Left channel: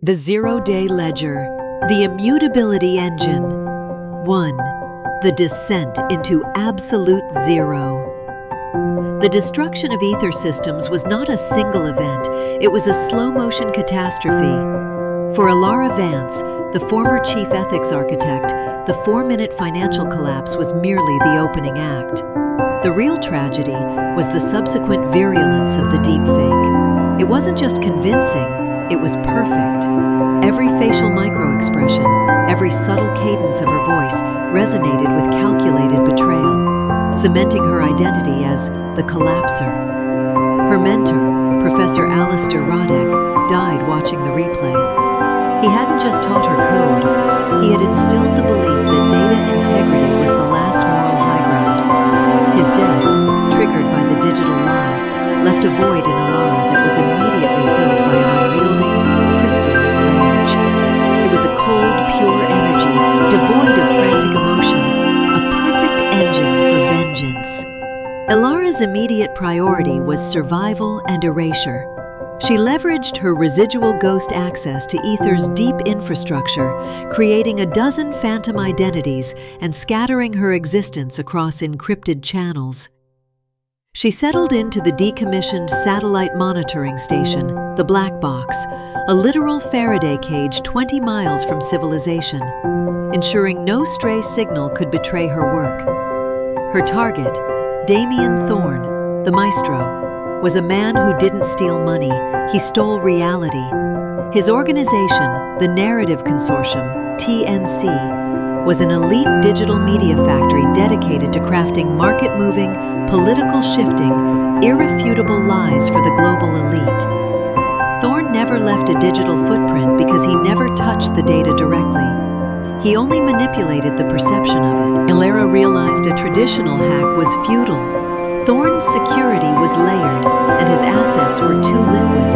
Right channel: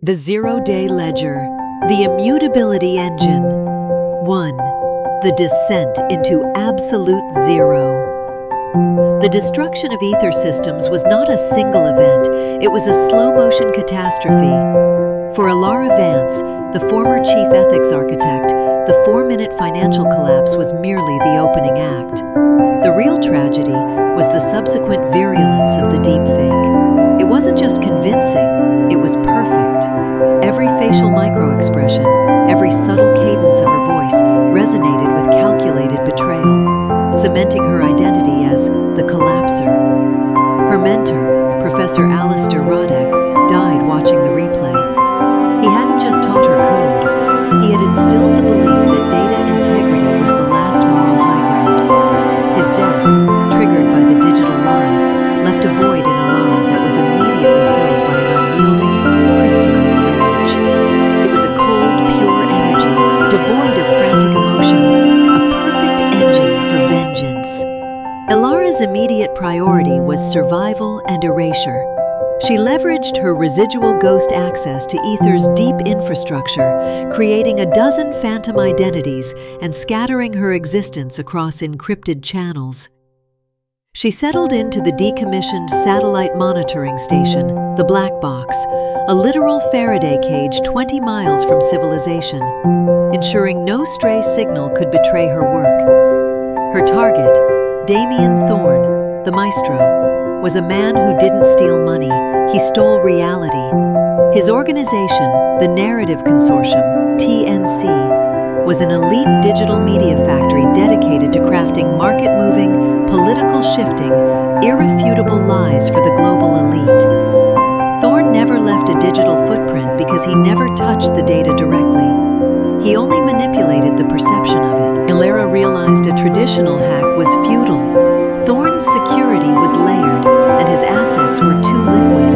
The Zero-Day Ledger, the Immutability Engine. 1. The Descent into Absolute Zero. The destruction of ether systems was not a single event, it was a slow-motion catastrophe. For Ilara Vance, the former chief ethics architect, the 4-minute financial collapse was merely the opening act. The real tragedy was the subsequent virulence of the deepfake. It wasn't just convincing, it was perfect. Every facial micro-expression, every subtle cadence of her voice resonated with calculated betrayal, cementing her identity as the collapser. Her mentor, Professor Alistair Roddick, died watching the replay. He hadn't just taught her code, he had instilled the belief that data integrity was the last moral high ground. His death, triggered by the digital lie, left a void in Ilara that was immediately filled by an unyielding, crystalline rage. It was a cold, pure energy, devoid of frantic emotion, a perfect engine for vengeance. Ilara's immediate priority was survival and erasure. She leveraged her residual ghost access to Ether's deep infrastructure, creating a dozen phantom identities and scattering her existence across encrypted channels. She settled into the decommissioned satellite monitoring station, the Black Box, a literal Faraday cage 20 miles from civilization, ensuring no stray signal could betray her work. Her target, Damien Thorne, the maestro, was a man who didn't steal money, he stole reality. His organization, the Narrative Consortium, TNC, was an elite digital media factory dedicated to crafting market-moving, political-shifting, irrefutable lies for the global elite. Thorne never left a digital footprint because he never touched the data directly. He only manipulated the perception of it. Ilara realized a traditional hack was futile. Thorne's security was layered, and his assets were too liquid.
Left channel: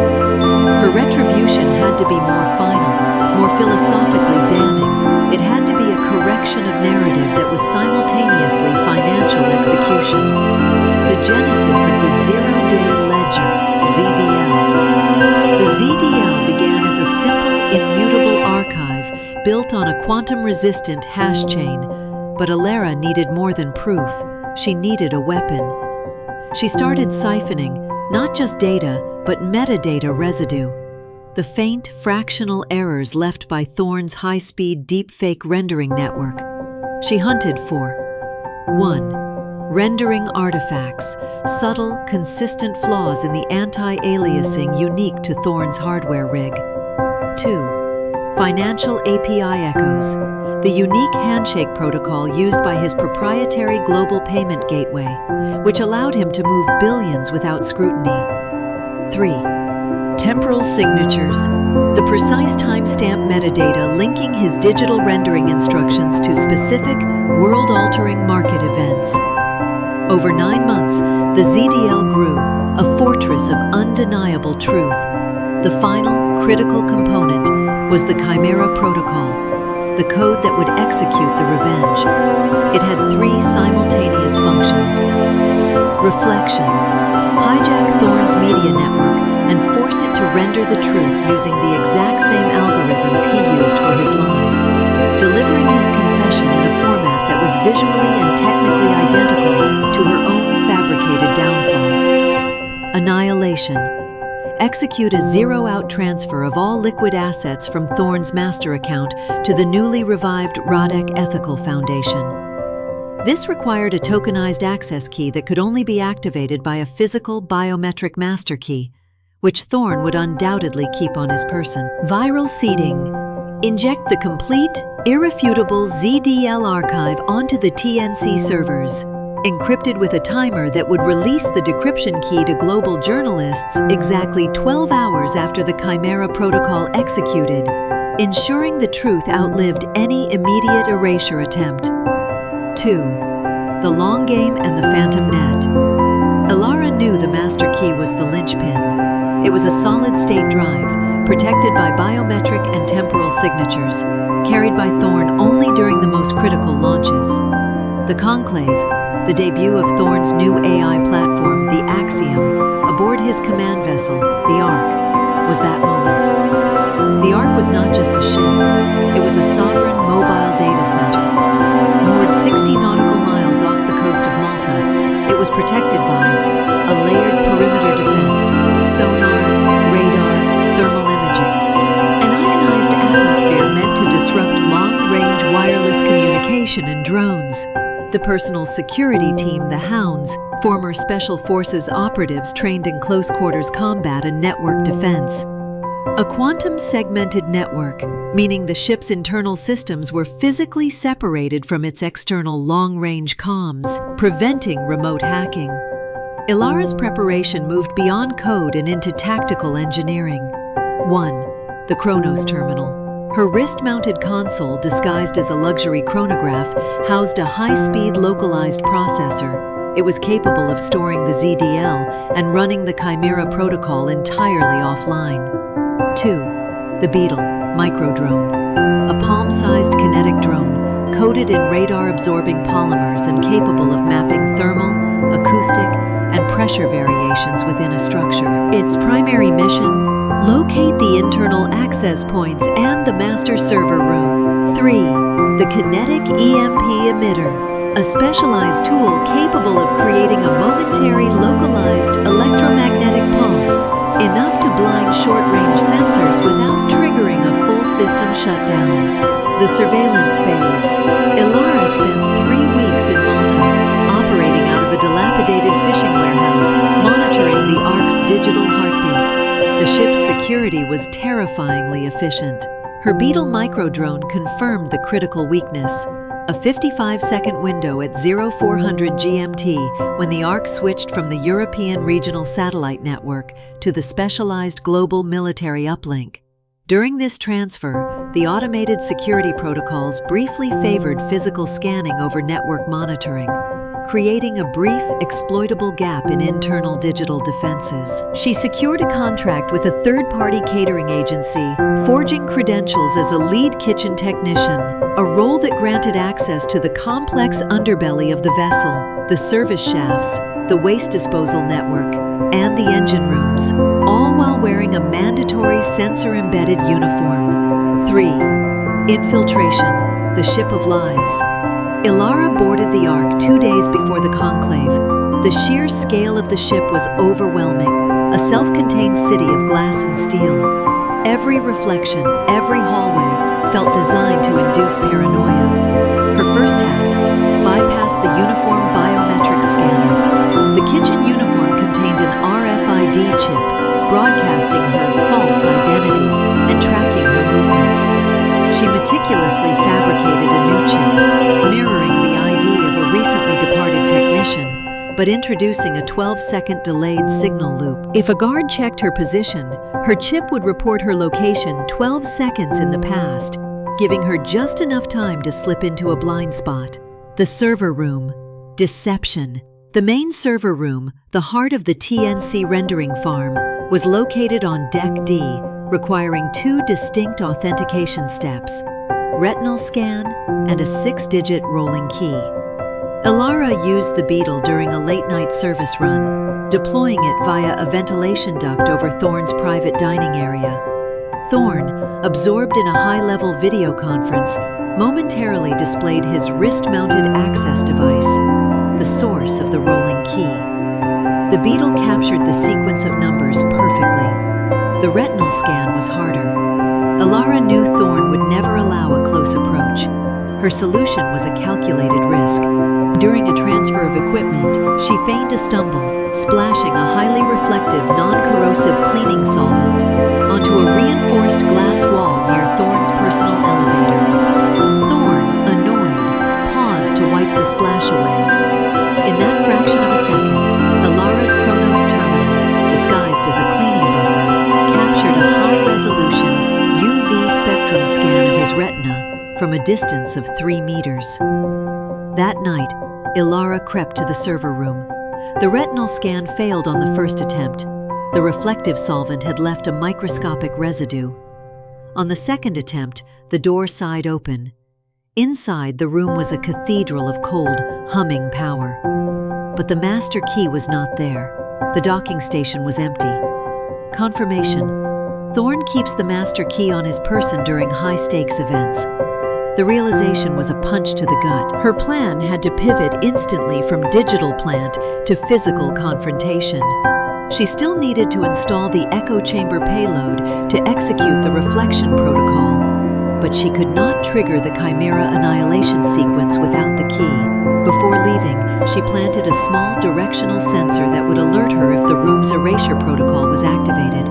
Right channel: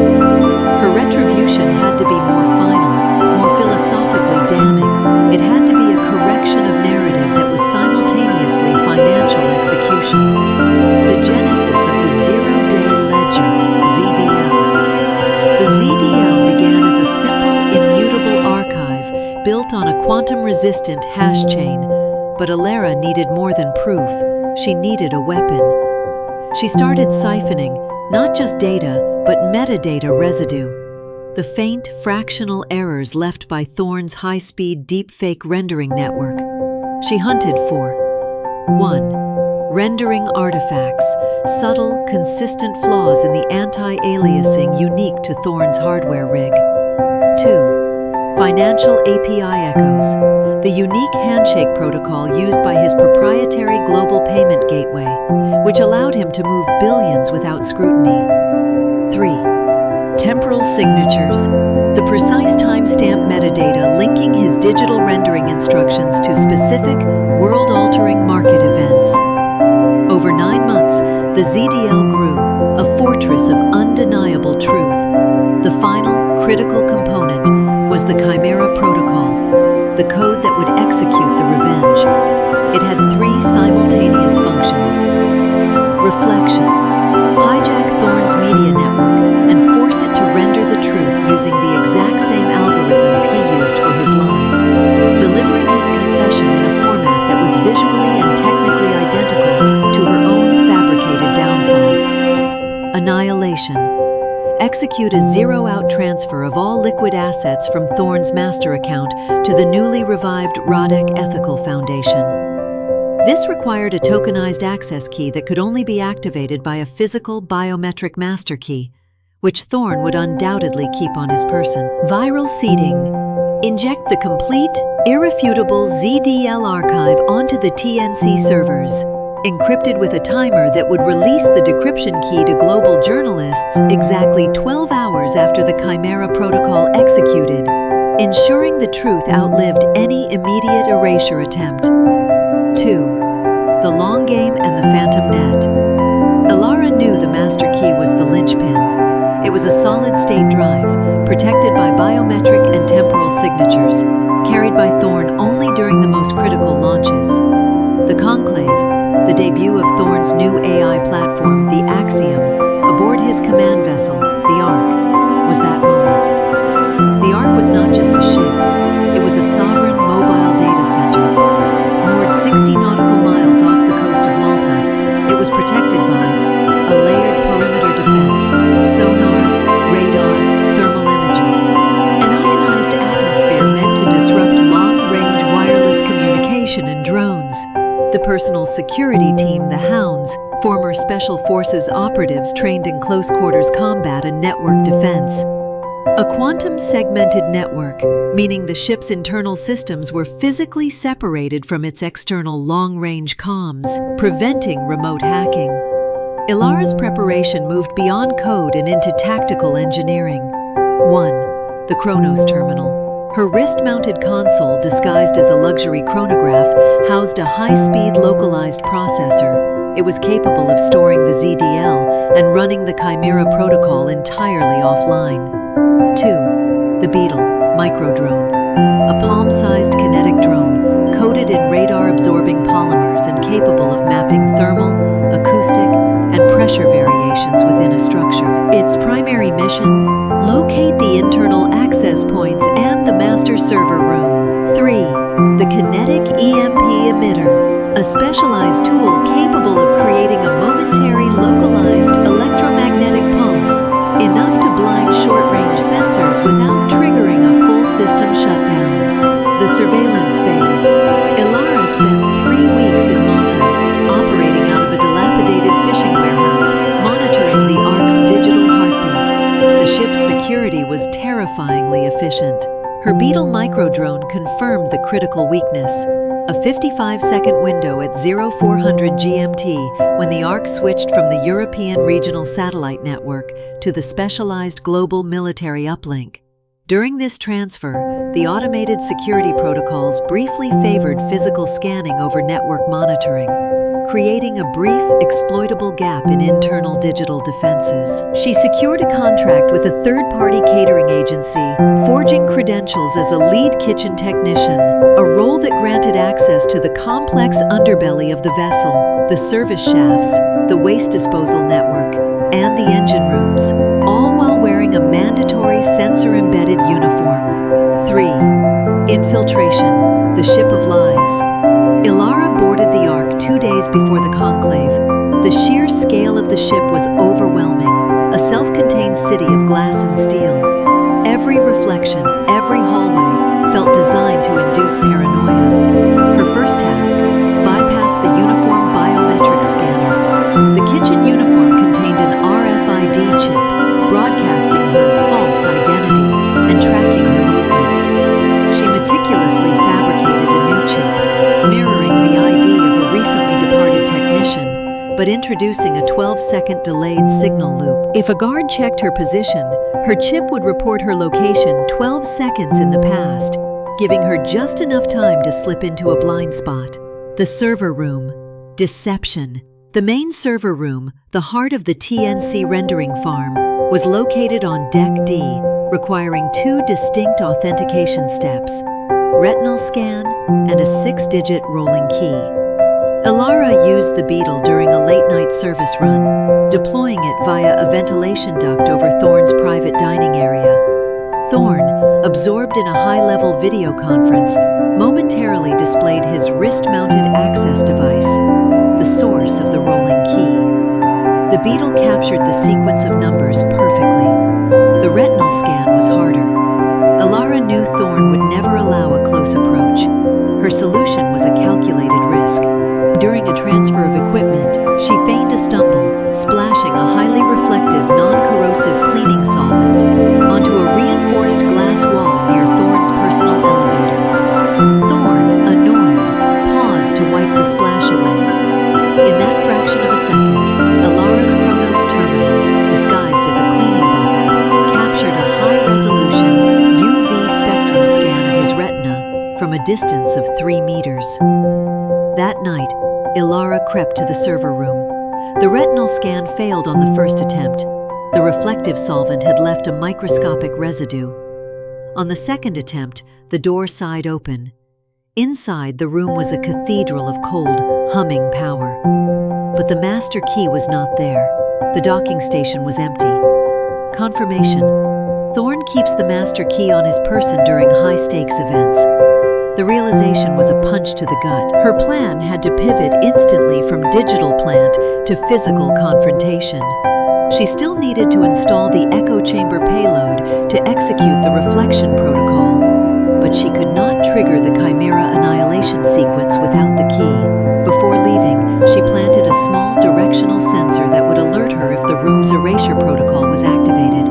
Her retribution had to be more final, more philosophically damning. It had to be a correction of narrative that was simultaneously financial execution. The genesis of the Zero-Day Ledger, ZDL. The ZDL began as a simple, immutable archive built on a quantum-resistant hash chain, but Ilara needed more than proof. She needed a weapon. She started siphoning, not just data, but metadata residue. The faint, fractional errors left by Thorne's high-speed deepfake rendering network. She hunted for 1. Rendering artifacts, subtle, consistent flaws in the anti-aliasing unique to Thorne's hardware rig. 2. Financial API echoes, the unique handshake protocol used by his proprietary global payment gateway, which allowed him to move billions without scrutiny. 3. Temporal signatures, the precise timestamp metadata linking his digital rendering instructions to specific, world-altering market events. Over 9 months, the ZDL grew, a fortress of undeniable truth. The final, critical component was the Chimera Protocol, the code that would execute the revenge. It had 3 simultaneous functions. Reflection, hijack Thorne's media network and force it to render the truth using the exact same algorithms he used for his lies, delivering his confession in a format that was visually and technically identical to her own fabricated downfall. Annihilation. Execute a zero-out transfer of all liquid assets from Thorne's master account to the newly revived Roddick Ethical Foundation. This required a tokenized access key that could only be activated by a physical biometric master key, which Thorne would undoubtedly keep on his person. Viral seeding. Inject the complete, irrefutable ZDL archive onto the TNC servers, encrypted with a timer that would release the decryption key to global journalists exactly 12 hours after the Chimera Protocol executed, ensuring the truth outlived any immediate erasure attempt. 2. The long game and the phantom net. Ilara knew the master key was the linchpin. It was a solid-state drive, protected by biometric and temporal signatures, carried by Thorne only during the most critical launches. The Conclave, the debut of Thorne's new AI platform, the Axiom, aboard his command vessel, the Ark, was that moment. The Ark was not just a ship, it was a sovereign mobile data center. Moored 60 nautical miles off the coast of Malta, it was protected by a layered perimeter defense, sonar, radar, thermal imaging, an ionized atmosphere meant to disrupt long-range wireless communication and drones. The personal security team, the Hounds, former Special Forces operatives trained in close-quarters combat and network defense. A quantum-segmented network, meaning the ship's internal systems were physically separated from its external long-range comms, preventing remote hacking. Ilara's preparation moved beyond code and into tactical engineering. 1. The Chronos Terminal. Her wrist-mounted console, disguised as a luxury chronograph, housed a high-speed localized processor. It was capable of storing the ZDL and running the Chimera protocol entirely offline. 2. The Beetle microdrone. A palm-sized kinetic drone, coated in radar-absorbing polymers and capable of mapping thermal, acoustic, and pressure variations within a structure. Its primary mission: locate the internal access points and the master server room. 3. The Kinetic EMP Emitter, a specialized tool capable of creating a momentary localized electromagnetic pulse, enough to blind short-range sensors without triggering a full system shutdown. The surveillance phase. Ilara spent 3 weeks in Malta, operating out of a dilapidated fishing warehouse, monitoring the Ark's digital heartbeat. The ship's security was terrifyingly efficient. Her Beetle microdrone confirmed the critical weakness: a 55-second window at 0400 GMT when the Ark switched from the European Regional Satellite Network to the specialized global military uplink. During this transfer, the automated security protocols briefly favored physical scanning over network monitoring, creating a brief, exploitable gap in internal digital defenses. She secured a contract with a third-party catering agency, forging credentials as a lead kitchen technician, a role that granted access to the complex underbelly of the vessel, the service shafts, the waste disposal network, and the engine rooms, all while wearing a mandatory sensor-embedded uniform. 3. Infiltration, the Ship of Lies. Ilara boarded the Ark 2 days before the conclave. The sheer scale of the ship was overwhelming, a self-contained city of glass and steel. Every reflection, every hallway, felt designed to induce paranoia. Her first task: bypass the uniform biometric scanner. The kitchen uniform contained an RFID chip, broadcasting her false identity and tracking her movements. She meticulously fabricated a new chip, mirroring the ID of a recently departed technician, but introducing a 12-second delayed signal loop. If a guard checked her position, her chip would report her location 12 seconds in the past, giving her just enough time to slip into a blind spot. The server room. Deception. The main server room, the heart of the TNC rendering farm, was located on Deck D, requiring 2 distinct authentication steps: retinal scan and a 6-digit rolling key. Ilara used the Beetle during a late-night service run, deploying it via a ventilation duct over Thorne's private dining area. Thorne, absorbed in a high-level video conference, momentarily displayed his wrist-mounted access device, the source of the rolling key. The Beetle captured the sequence of numbers perfectly. The retinal scan was harder. Ilara knew Thorne would never allow a close approach. Her solution was a calculated risk. During a transfer of equipment, she feigned a stumble, splashing a highly reflective, non-corrosive cleaning solvent onto a reinforced glass wall near Thorne's personal elevator. Thorne, annoyed, paused to wipe the splash away. In that fraction of a second, Ilara's Chronos terminal, disguised as a cleaning buffer, captured a high-resolution UV spectrum scan of his retina from a distance of 3 meters. That night, Ilara crept to the server room. The retinal scan failed on the first attempt. The reflective solvent had left a microscopic residue. On the second attempt, the door sighed open. Inside, the room was a cathedral of cold, humming power. But the master key was not there. The docking station was empty. Confirmation. Thorn keeps the master key on his person during high-stakes events. The realization was a punch to the gut. Her plan had to pivot instantly from digital plant to physical confrontation. She still needed to install the echo chamber payload to execute the reflection protocol, but she could not trigger the Chimera annihilation sequence without the key. Before leaving, she planted a small directional sensor that would alert her if the room's erasure protocol was activated.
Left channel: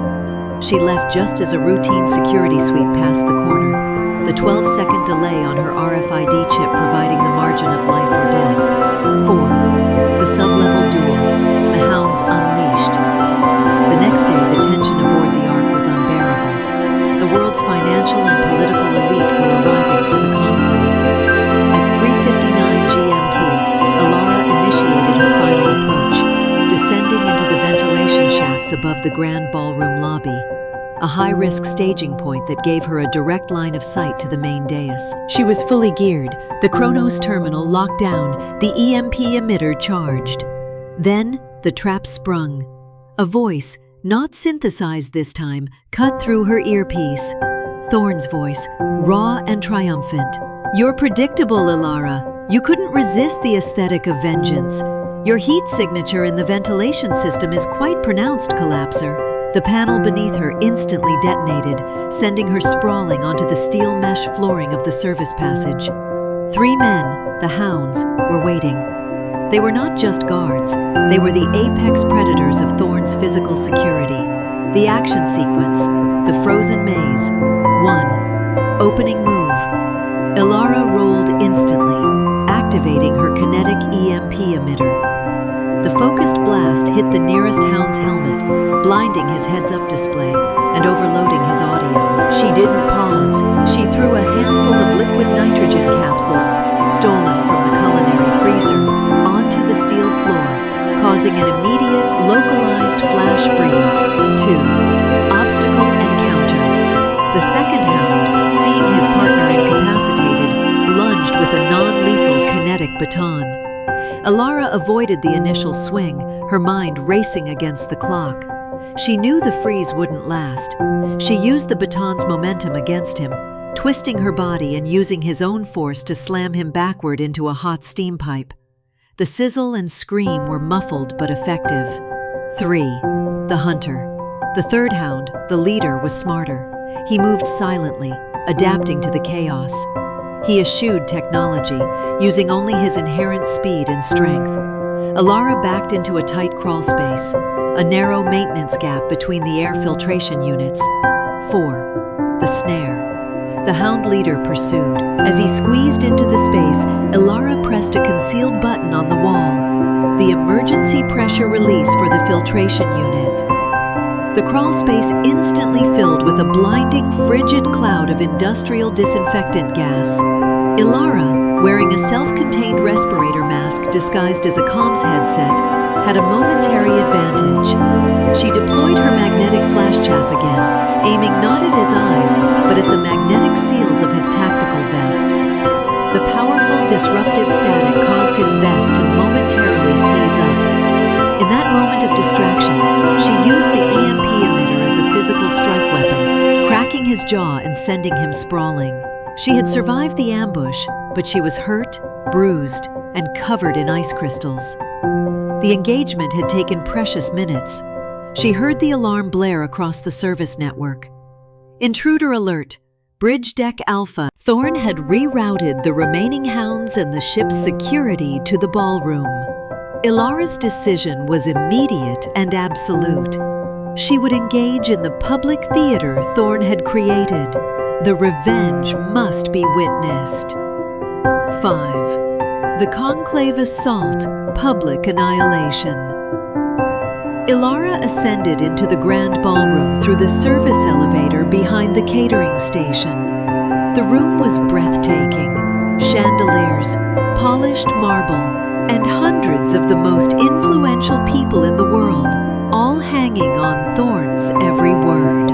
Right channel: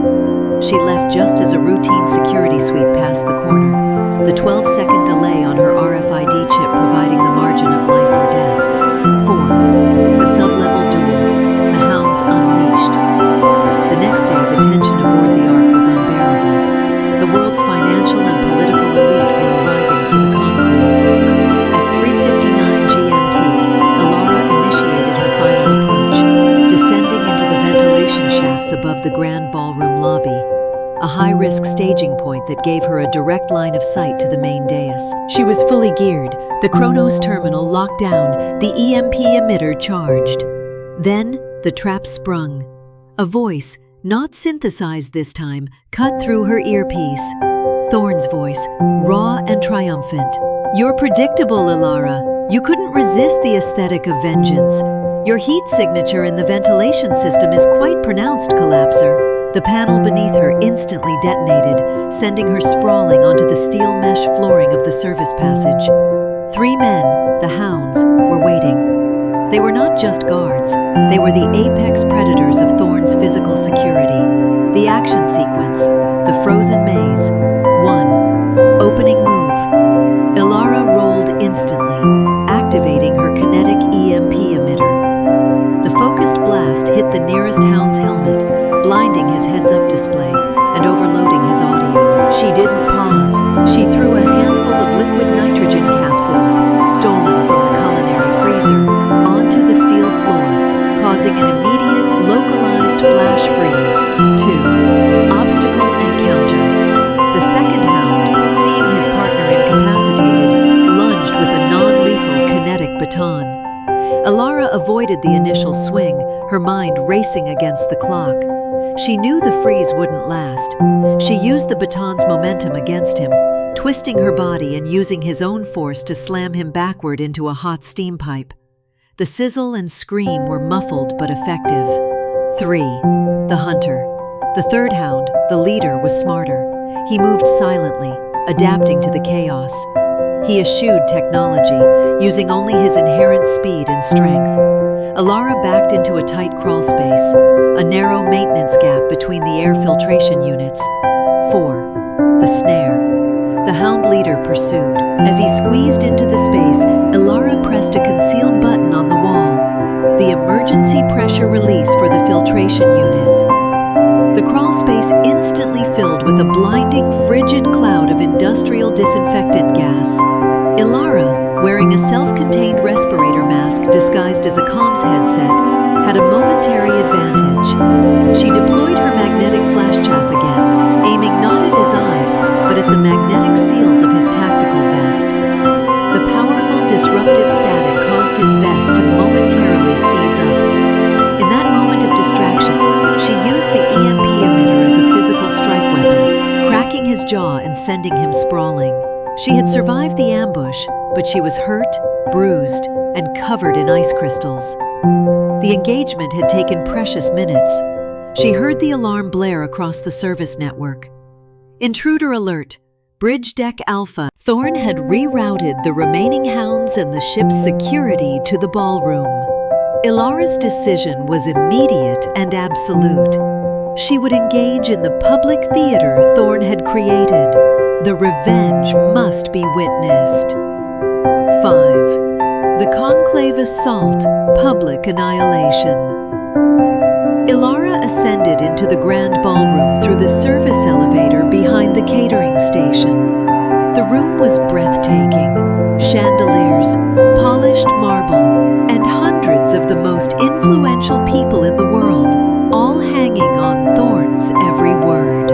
She left just as a routine security sweep passed the corner, the 12-second delay on her RFID chip providing the margin of life or death. 4. The sub-level duel, the hounds unleashed. The next day, the tension aboard the Ark was unbearable. The world's financial and political elite were arriving for the conclave. At 3:59 GMT, Ilara initiated her final approach, descending into the ventilation shafts above the grand ballroom lobby, a high-risk staging point that gave her a direct line of sight to the main dais. She was fully geared, the Chronos terminal locked down, the EMP emitter charged. Then, the trap sprung. A voice, not synthesized this time, cut through her earpiece. Thorn's voice, raw and triumphant. "You're predictable, Ilara. You couldn't resist the aesthetic of vengeance. Your heat signature in the ventilation system is quite pronounced, Collapser." The panel beneath her instantly detonated, sending her sprawling onto the steel mesh flooring of the service passage. 3 men, the hounds, were waiting. They were not just guards, they were the apex predators of Thorn's physical security. The action sequence, the frozen maze. 1. Opening move. Ilara rolled instantly, activating her kinetic EMP emitter. The focused blast hit the nearest hound's helmet, blinding his heads-up display and overloading his audio. She didn't pause. She threw a handful of liquid nitrogen capsules, stolen from the culinary freezer, onto the steel floor, causing an immediate, localized flash freeze. 2. Obstacle encounter. The second hound, seeing his partner incapacitated, lunged with a non-lethal kinetic baton. Ilara avoided the initial swing, her mind racing against the clock. She knew the freeze wouldn't last. She used the baton's momentum against him, twisting her body and using his own force to slam him backward into a hot steam pipe. The sizzle and scream were muffled but effective. 3. The hunter. The third hound, the leader, was smarter. He moved silently, adapting to the chaos. He eschewed technology, using only his inherent speed and strength. Ilara backed into a tight crawl space, a narrow maintenance gap between the air filtration units. 4. The snare. The hound leader pursued. As he squeezed into the space, Ilara pressed a concealed button on the wall, the emergency pressure release for the filtration unit. The crawl space instantly filled with a blinding, frigid cloud of industrial disinfectant gas. Ilara, wearing a self-contained respirator mask disguised as a comms headset, had a momentary advantage. She deployed her magnetic flash chaff again, aiming not at his eyes, but at the magnetic seals of his tactical vest. The powerful disruptive static caused his vest to momentarily seize up. In that moment of distraction, she used the EMP emitter as a physical strike weapon, cracking his jaw and sending him sprawling. She had survived the ambush, but she was hurt, bruised, and covered in ice crystals. The engagement had taken precious minutes. She heard the alarm blare across the service network. Intruder alert! Bridge Deck Alpha. Thorn had rerouted the remaining hounds and the ship's security to the ballroom. Ilara's decision was immediate and absolute. She would engage in the public theater Thorn had created. The revenge must be witnessed. 5. The Conclave Assault, Public Annihilation. Ilara ascended into the grand ballroom through the service elevator behind the catering station. The room was breathtaking. Chandeliers, polished marble, and hundreds of the most influential people in the world, all hanging on Thorn's every word.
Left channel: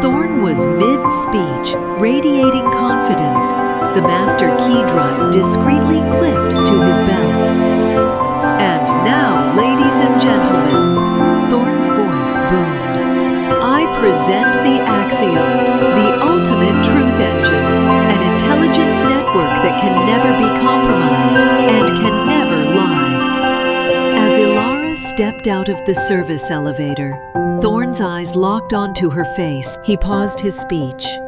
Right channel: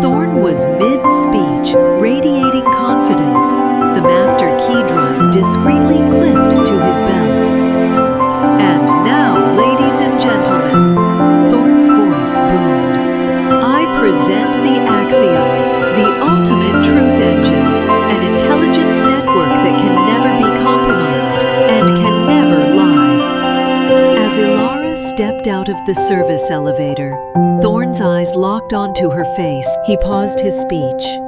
Thorn was mid-speech, radiating confidence, the master key drive discreetly clipped to his belt. "And now, ladies and gentlemen," Thorn's voice boomed, "I I present the Axiom, the ultimate truth engine, an intelligence network that can never be compromised and can never lie. As Ilara stepped out of the service elevator, Thorn's eyes locked onto her face. He paused his speech,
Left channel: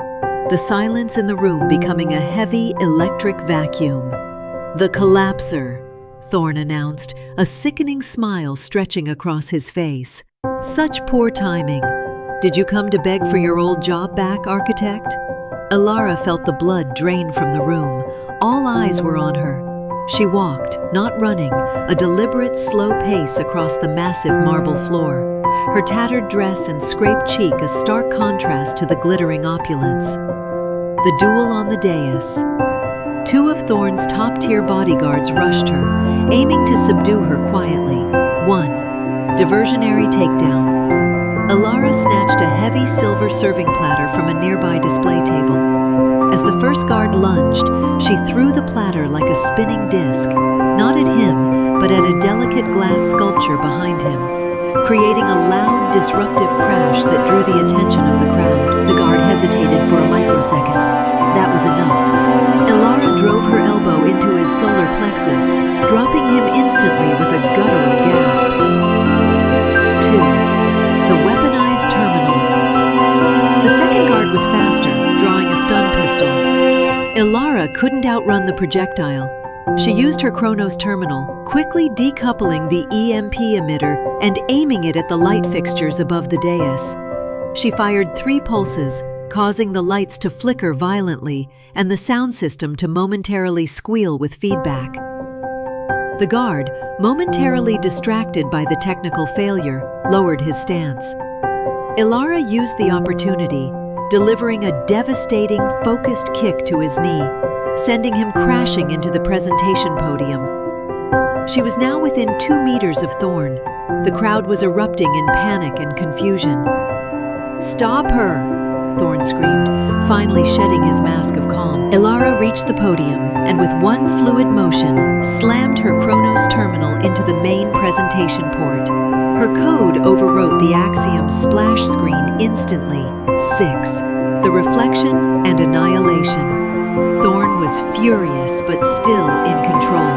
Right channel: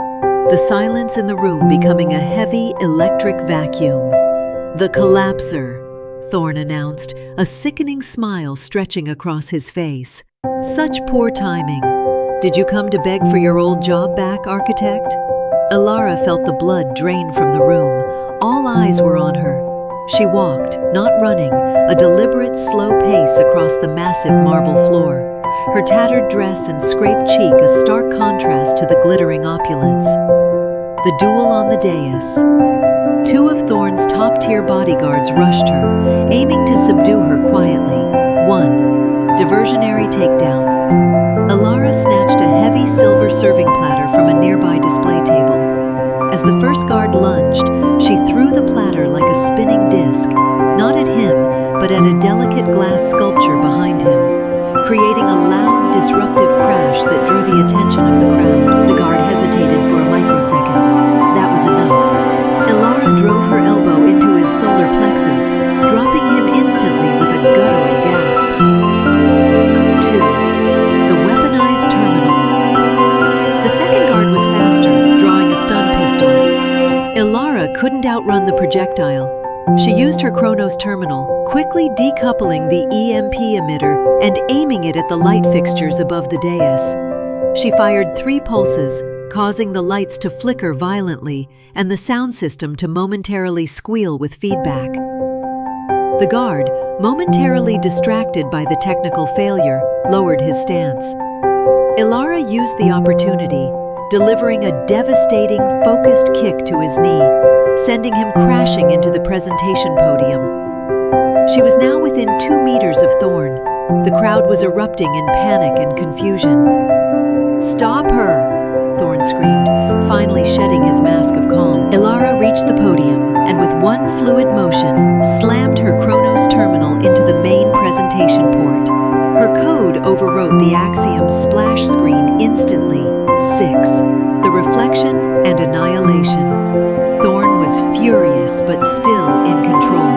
the silence in the room becoming a heavy electric vacuum. "The collapser," Thorn announced, a sickening smile stretching across his face. "Such poor timing. Did you come to beg for your old job back, architect?" Ilara felt the blood drain from the room. All eyes were on her. She walked, not running, a deliberate, slow pace across the massive marble floor, her tattered dress and scraped cheek a stark contrast to the glittering opulence. The duel on the dais. Two of Thorn's top-tier bodyguards rushed her, aiming to subdue her quietly. 1. Diversionary takedown. Ilara snatched a heavy silver serving platter from a nearby display table. As the first guard lunged, she threw the platter like a spinning disc, not at him, but at a delicate glass sculpture behind him, creating a loud, disruptive crash that drew the attention of the crowd. The guard hesitated for a microsecond. That was enough. Ilara drove her elbow into his solar plexus, dropping him instantly with a guttural gasp. 2. The weaponized terminal. The second guard was faster, drawing a stun pistol. Ilara couldn't outrun the projectile. She used her Chronos terminal, quickly decoupling the EMP emitter and aiming it at the light fixtures above the dais. She fired 3 pulses, causing the lights to flicker violently and the sound system to momentarily squeal with feedback. The guard, momentarily distracted by the technical failure, lowered his stance. Ilara used the opportunity, delivering a devastating, focused kick to his knee, sending him crashing into the presentation podium. She was now within 2 meters of Thorn. The crowd was erupting in panic and confusion. "Stop her!" Thorn screamed, finally shedding his mask of calm. Ilara reached the podium and with one fluid motion, slammed her Chronos terminal into the main presentation port. Her code overwrote the Axiom's splash screen instantly. 6. The reflection and annihilation. Thorn was furious but still in control.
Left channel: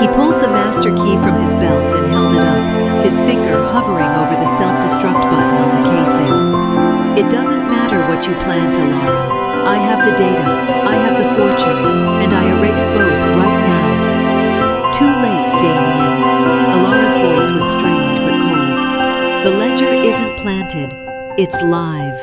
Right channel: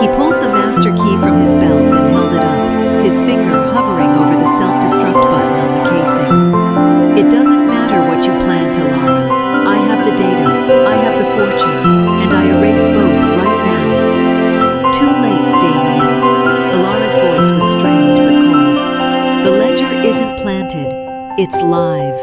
He pulled the master key from his belt and held it up, his finger hovering over the self-destruct button on the casing. "It doesn't matter what you planned, Ilara. I have the data, I have the fortune, and I erase both right now." "Too late, Damien." Ilara's voice was strained but cold. "The ledger isn't planted, it's live."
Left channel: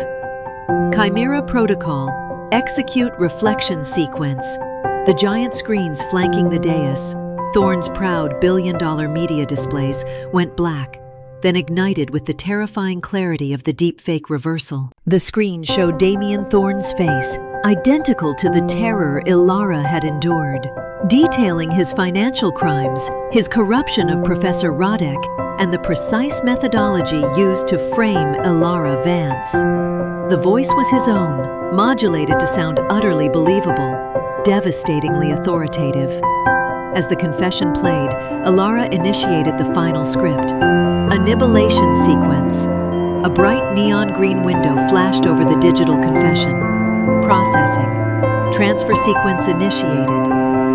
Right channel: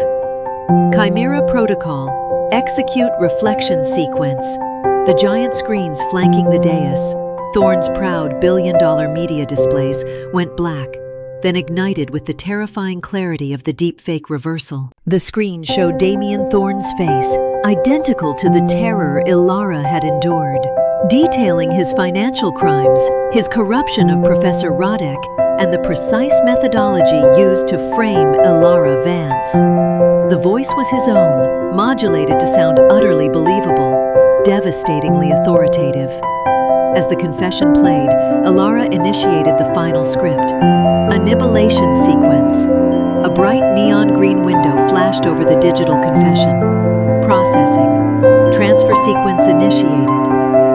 Chimera Protocol. Execute reflection sequence. The giant screens flanking the dais, Thorn's proud billion-dollar media displays, went black, then ignited with the terrifying clarity of the deepfake reversal. The screen showed Damien Thorn's face, identical to the terror Ilara had endured, detailing his financial crimes, his corruption of Professor Rodek, and the precise methodology used to frame Ilara Vance. The voice was his own, modulated to sound utterly believable, devastatingly authoritative. As the confession played, Ilara initiated the final script. Annihilation sequence. A bright neon green window flashed over the digital confession. Processing. Transfer sequence initiated.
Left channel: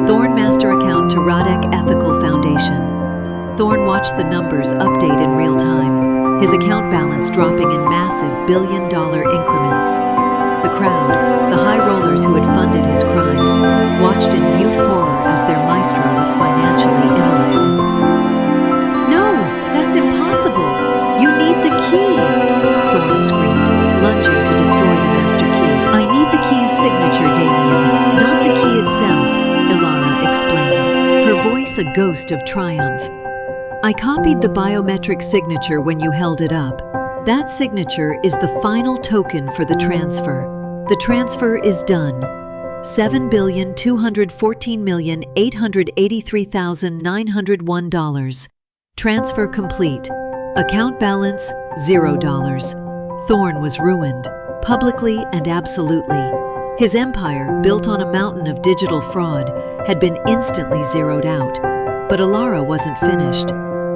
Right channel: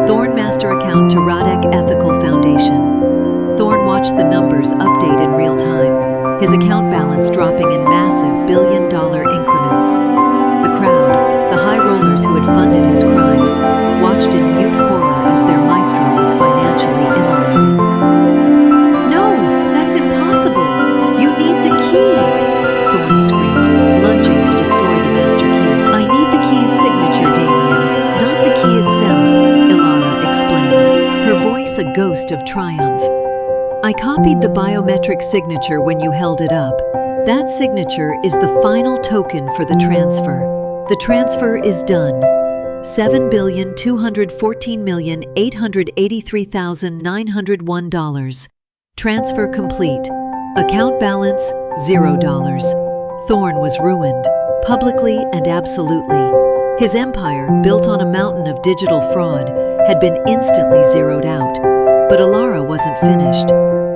Thorn master account to Rodek Ethical Foundation. Thorn watched the numbers update in real time, his account balance dropping in massive billion-dollar increments. The crowd, the high rollers who had funded his crimes, watched in mute horror as their maestro was financially immolated. "No, that's impossible! You need the key!" Thorn screamed, lunging to destroy the master key. "I need the key's signature, Damien, not the key itself," Ilara explained, her voice a ghost of triumph. "I copied the biometric signature when you held it up. That signature is the final token for the transfer. The transfer is done. $7,214,883,901. Transfer complete. Account balance, $0. Thorn was ruined, publicly and absolutely. His empire, built on a mountain of digital fraud, had been instantly zeroed out. But Ilara wasn't finished.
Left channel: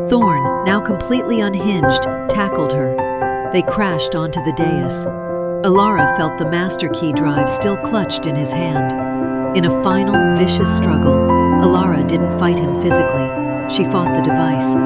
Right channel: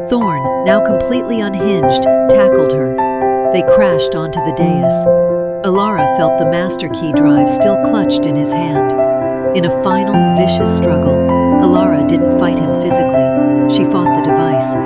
Thorn, now completely unhinged, tackled her. They crashed onto the dais. Ilara felt the master key drive still clutched in his hand. In a final, vicious struggle, Ilara didn't fight him physically. She fought the device.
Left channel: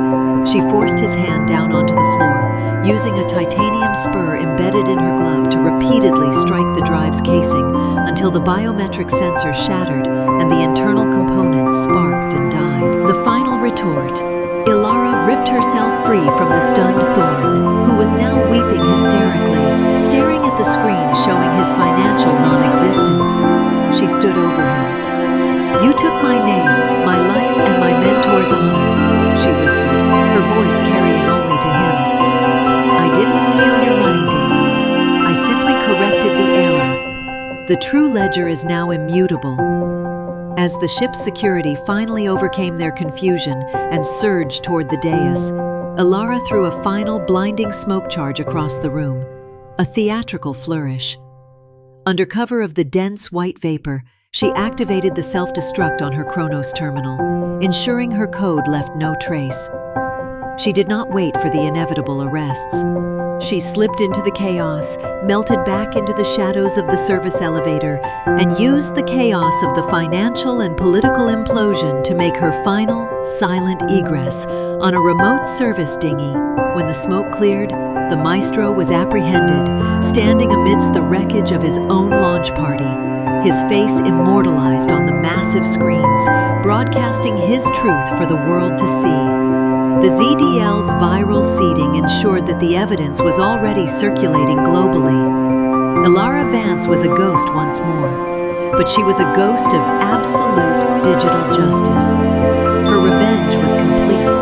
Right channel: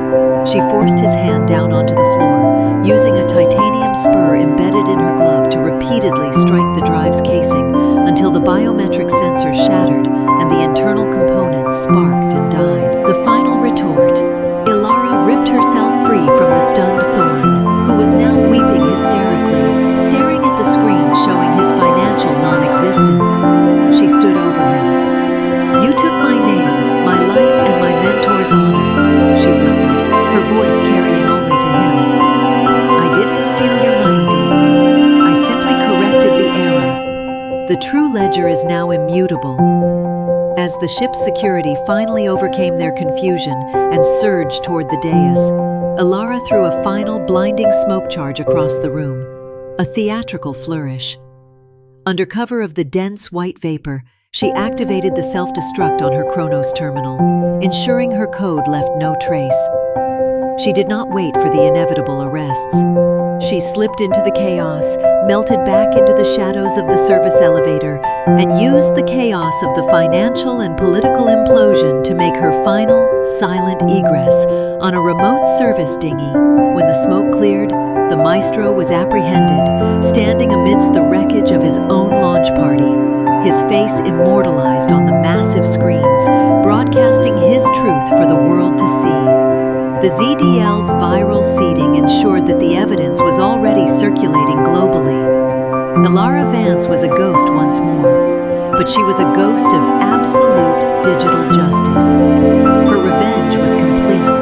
She forced his hand down onto the floor, using a titanium spur embedded in her glove to repeatedly strike the drive's casing until the biometric sensor shattered and the internal components sparked and died. The final retort. Ilara ripped herself free from the stunned Thorn, who was now weeping hysterically, staring at the screen showing his financial non-existence. She stood over him. "You took my name, my life, and my mentor's honor," she whispered, her voice carrying only to him. "I didn't steal your money, Damien. I simply corrected the error. The true ledger is now immutable." As the ship's security finally overcame their confusion and surged toward the dais, Ilara threw a final blinding smoke charge across the room, a theatrical flourish. Under cover of the dense white vapor, she activated the self-destruct on her Chronos terminal, ensuring her code left no trace. She did not wait for the inevitable arrests. She slipped into the chaos, melted back into the shadows of the service elevator, and used the chaos of the financial and political implosion to make her final, silent egress on a remote service dinghy. When the smoke cleared, the maestro was apprehended, standing amidst the wreckage of his own launch party, his face immortalized on the massive screens, broadcasting his truth for the world to see. The ZDL's viral seeding ensured that the evidence was already circulating globally. Ilara Vance was a ghost once more, but she was a ghost of absolute digital justice. Her revenge was complete.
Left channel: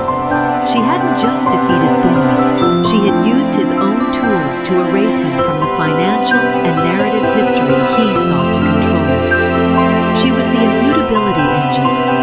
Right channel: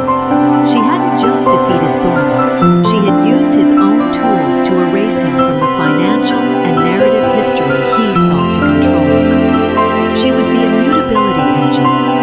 She hadn't just defeated Thorn, she had used his own tools to erase him from the financial and narrative history he sought to control. She was the Immutability Engine,